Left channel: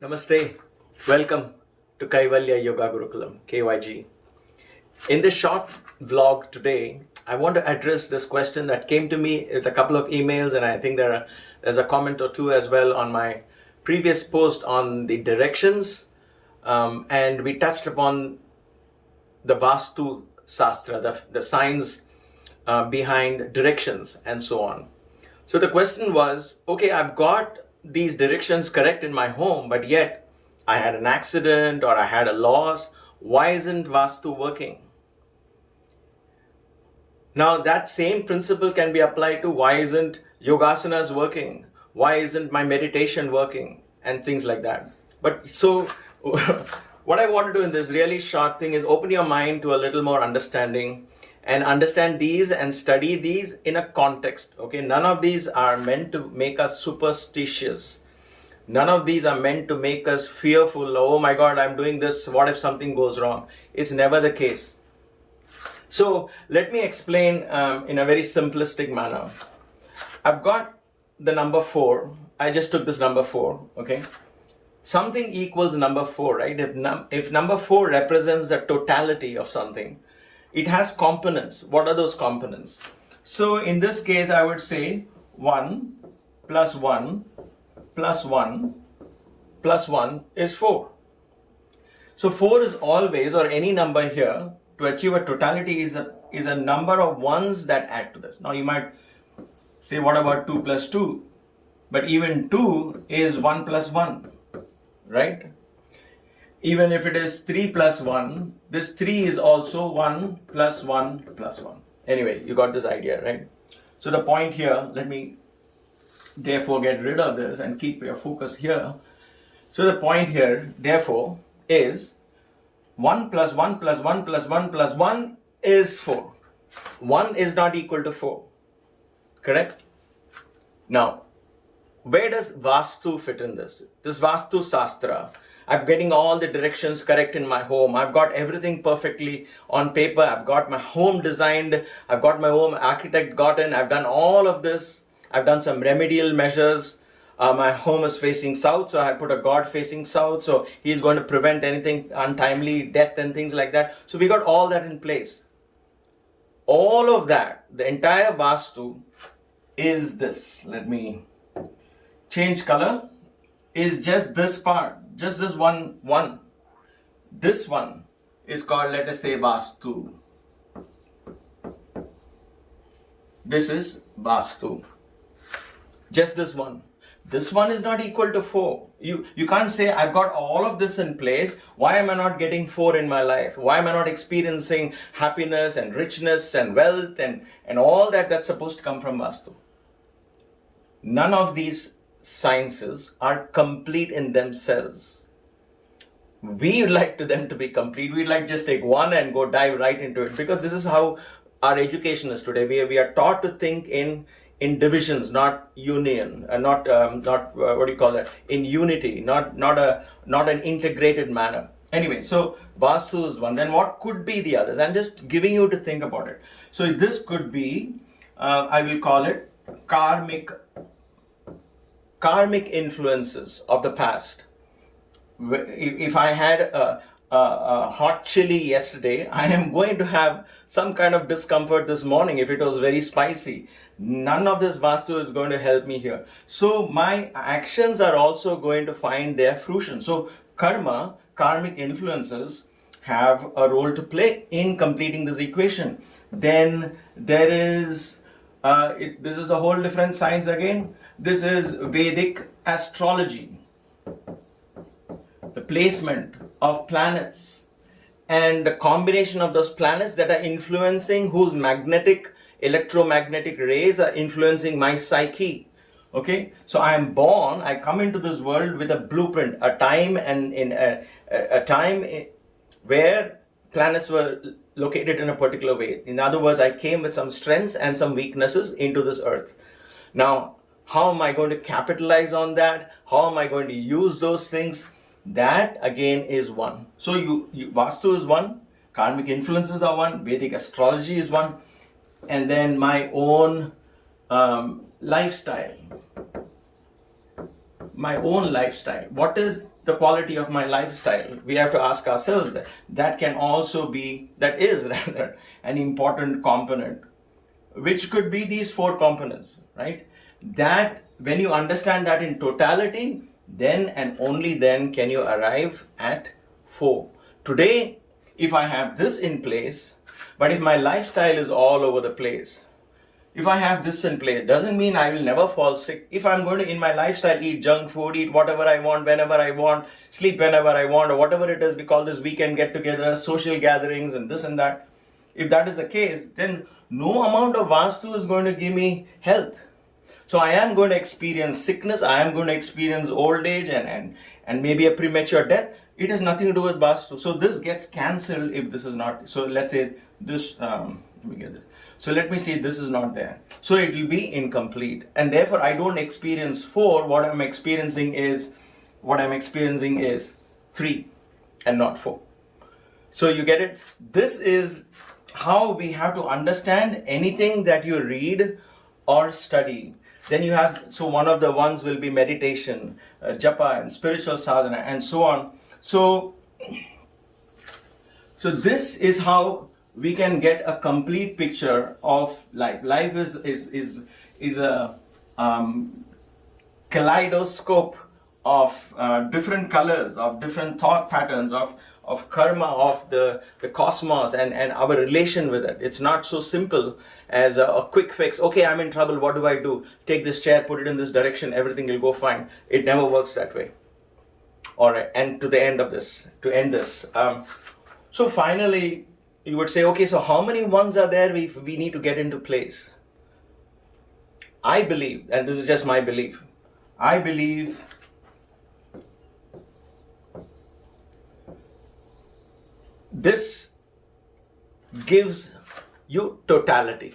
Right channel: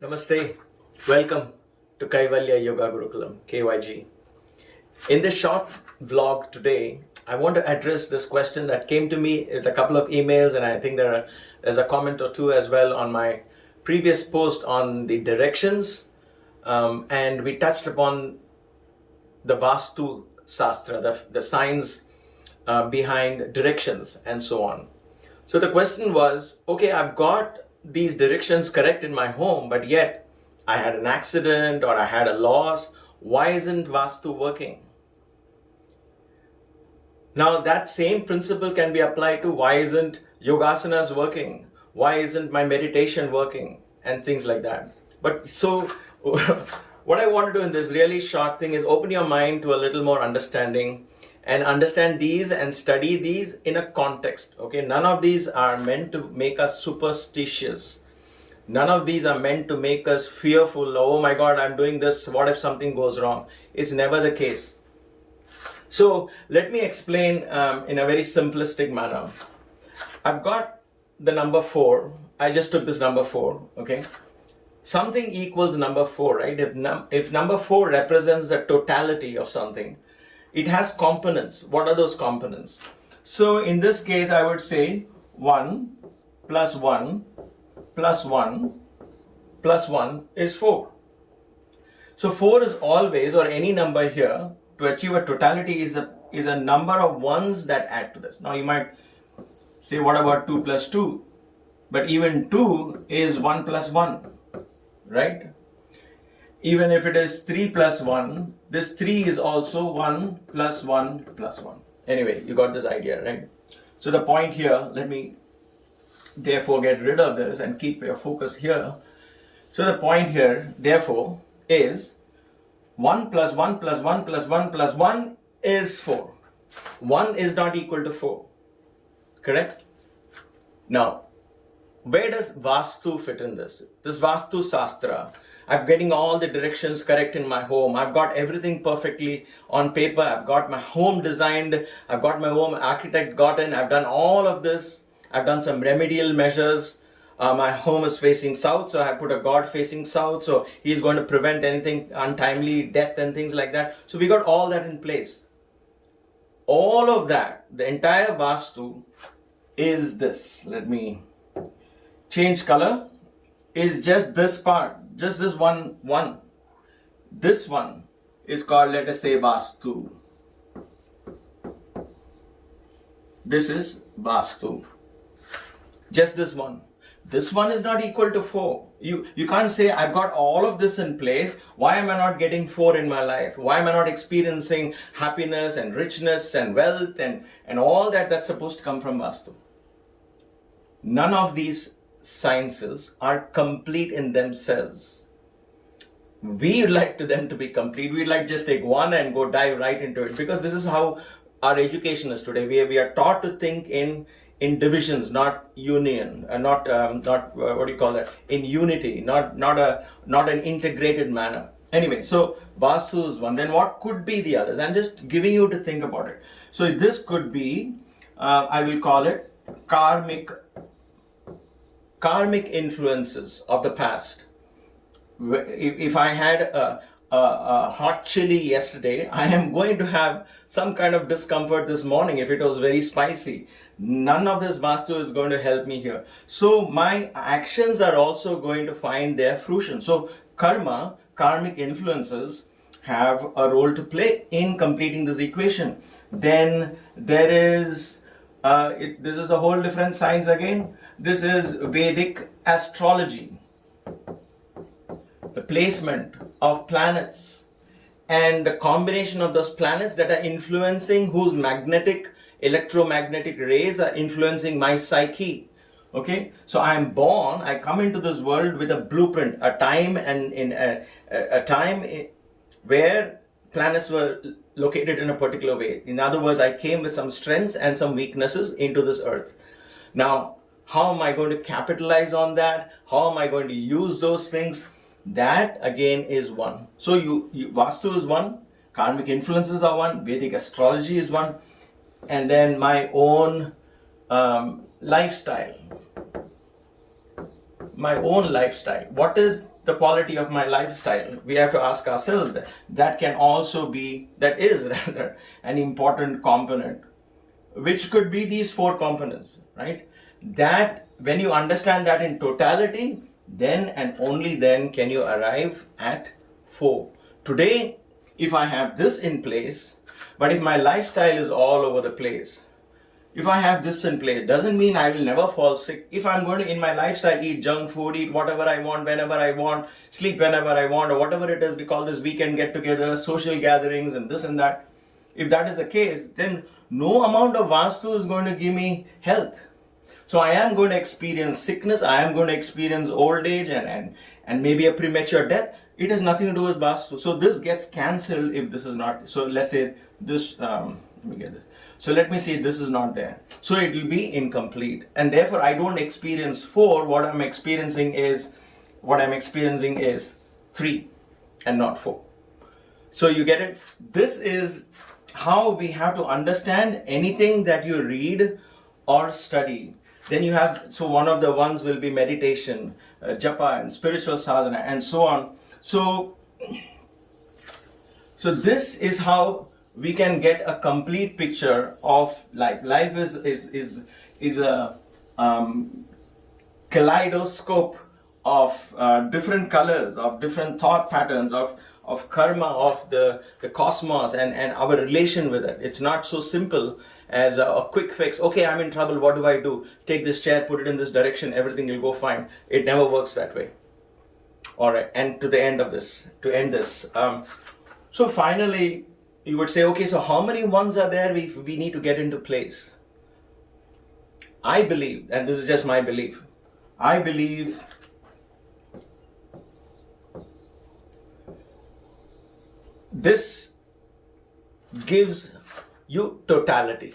Namaste. Welcome to Kaivalya Yoga Gurukulam, KYG. In this short vlog today, I want to address this question that came to me with a couple of emails, and I think there's a comment or two as well on my previous post on the directions, and we touched upon the Vastu Shastra, the science behind directions and so on. So the question was, okay, I've got these directions correct in my home, but yet I had an accident or I had a loss. Why isn't Vastu working? Now that same principle can be applied to why isn't Yogasanas working? Why isn't my meditation working? And things like that. But so what I want to do in this really short thing is open your mind to a little more understanding and understand these and study these in a context. Okay, none of these are meant to make us superstitious. None of these are meant to make us fearful. Oh my God, I'm doing this. What if something goes wrong? It's never the case. So let me explain in a very simplistic manner. I've got the number 4. I just took this number 4. Okay, something equals number 4, right? If number 4 represents the totality of something, it has components. What are those components? So in this case, I would say 1 plus 1 plus 1 plus 1 is 4. So 4 is always, or any number here, to achieve a totality is a number of ones that add to this. Now you might say, what about 2 plus 2? But even 2 is 1 plus 1, right? Even if it is 3 plus 1, this 3 is also 1 plus 1 plus 1. Anyway, you got this idea, right? So the point here, let me therefore get rid of this and keep your focus here. So the point here, therefore, is 1 plus 1 plus 1 plus 1 plus 1 is 4. 1 is not equal to 4. Correct? Now, where does Vastu fit in this? This Vastu Shastra, I'm getting all the directions correct in my home. I've got everything perfectly on paper. I've got my home designed. I've got my home architect gotten. I've done all of this. I've done some remedial measures. My home is facing south, so I put a god facing south. So he's going to prevent anything untimely death and things like that. So we got all that in place. All of that, the entire Vastu is this. Let me change color. Is just this part, just this one. This one is called, let us say, Vastu. This is Vastu. Just this one. This one is not equal to 4. You can't say, I've got all of this in place. Why am I not getting 4 in my life? Why am I not experiencing happiness and richness and wealth and all that's supposed to come from Vastu? None of these sciences are complete in themselves. We like them to be complete. We'd like just take one and go dive right into it, because this is how our education is today. We are taught to think in divisions, not union, not what do you call that? In unity, not an integrated manner. Anyway, so Vastu is one. Then what could be the others? I'm just giving you to think about it. So this could be, I will call it karmic influences of the past. If I had a hot chili yesterday, I am going to have some kind of discomfort this morning if it was very spicy. None of this Vastu is going to help me here. So my actions are also going to find their fruition. So karmic influences have a role to play in completing this equation. Then there is, this is a whole different science again. This is Vedic astrology, the placement of planets and the combination of those planets that are influencing, whose electromagnetic rays are influencing my psyche. Okay, so I am born, I come into this world with a blueprint, a time, and in a time where planets were located in a particular way. In other words, I came with some strengths and some weaknesses into this earth. Now, how am I going to capitalize on that? How am I going to use those things? That again is one. So Vastu is one, karmic influences are one, Vedic astrology is one, and then my own lifestyle. my own lifestyle. What is the quality of my lifestyle? We have to ask ourselves that. That is rather an important component, which could be these four components, right? That when you understand that in totality, then and only then can you arrive at 4. Today, if I have this in place, but if my lifestyle is all over the place, if I have this in place, doesn't mean I will never fall sick. If I'm going to, in my lifestyle, eat junk food, eat whatever I want, whenever I want, sleep whenever I want, or whatever it is, we call this weekend get-together, social gatherings, and this and that. If that is the case, then no amount of Vastu is going to give me health. So I am going to experience sickness, I am going to experience old age and maybe a premature death. It has nothing to do with Vastu. So this gets cancelled if this is not. So let's say this, let me get this. So let me say this is not there. So it will be incomplete. And therefore I don't experience 4. What I'm experiencing is 3 and not 4. So you get it? This is how we have to understand anything that you read or study. Then you have, so one of the ones will be meditation, japa and spiritual sadhana and so on. So this is how we can get a complete picture of life. Life is a kaleidoscope of different colors, of different thought patterns, of karma, of the cosmos and our relation with it. It's not so simple as a quick fix. Okay, I'm in trouble, what do I do? Take this chair, put it in this direction, everything will go fine. It never works that way. All right, and to end this. So finally, you would say, okay, so how many ones are there we need to get into place? I believe, and this is just my belief, I believe this gives you totality,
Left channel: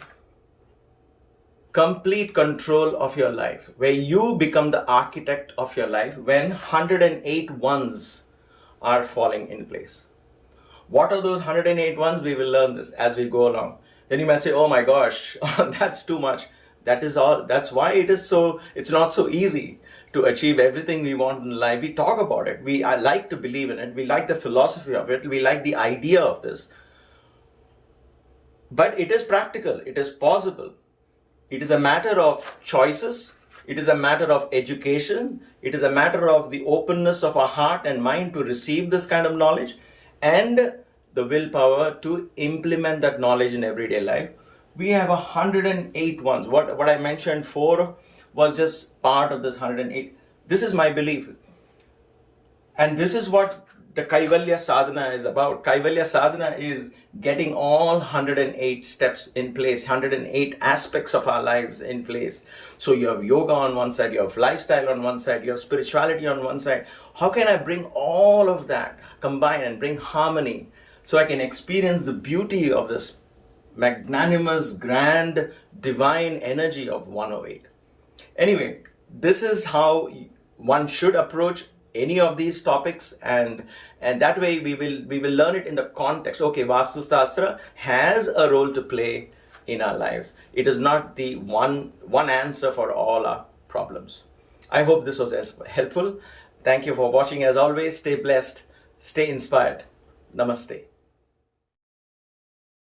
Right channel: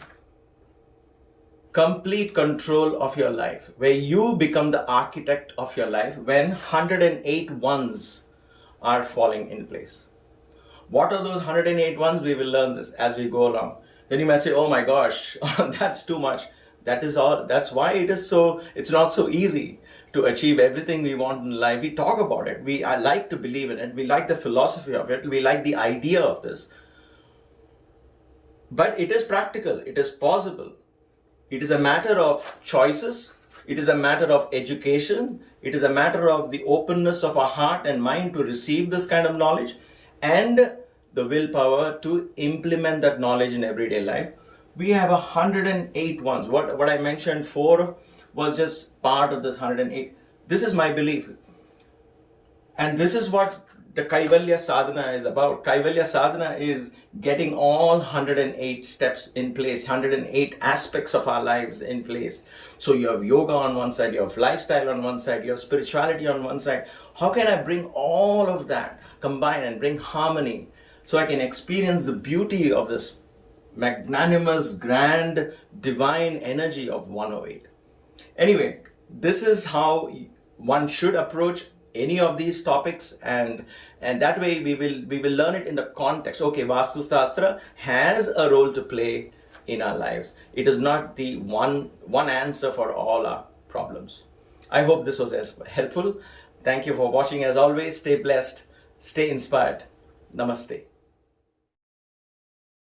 complete control of your life, where you become the architect of your life when 108 ones are falling in place. What are those 108 ones? We will learn this as we go along. Then you might say, oh my gosh, that's too much. That is all. That's why it's not so easy to achieve everything we want in life. We talk about it. I like to believe in it. We like the philosophy of it. We like the idea of this. But it is practical. It is possible. It is a matter of choices. It is a matter of education. It is a matter of the openness of our heart and mind to receive this kind of knowledge and the willpower to implement that knowledge in everyday life. We have 108 ones. What I mentioned 4 was just part of this 108. This is my belief. And this is what the Kaivalya Sadhana is about. Kaivalya Sadhana is getting all 108 steps in place, 108 aspects of our lives in place. So you have yoga on one side, you have lifestyle on one side, you have spirituality on one side. How can I bring all of that, combine and bring harmony so I can experience the beauty of this magnanimous, grand, divine energy of 108? Anyway, this is how one should approach any of these topics, and that way we will learn it in the context. Okay, Vastu Shastra has a role to play in our lives. It is not the one answer for all our problems. I hope this was as helpful. Thank you for watching. As always, stay blessed, stay inspired. Namaste.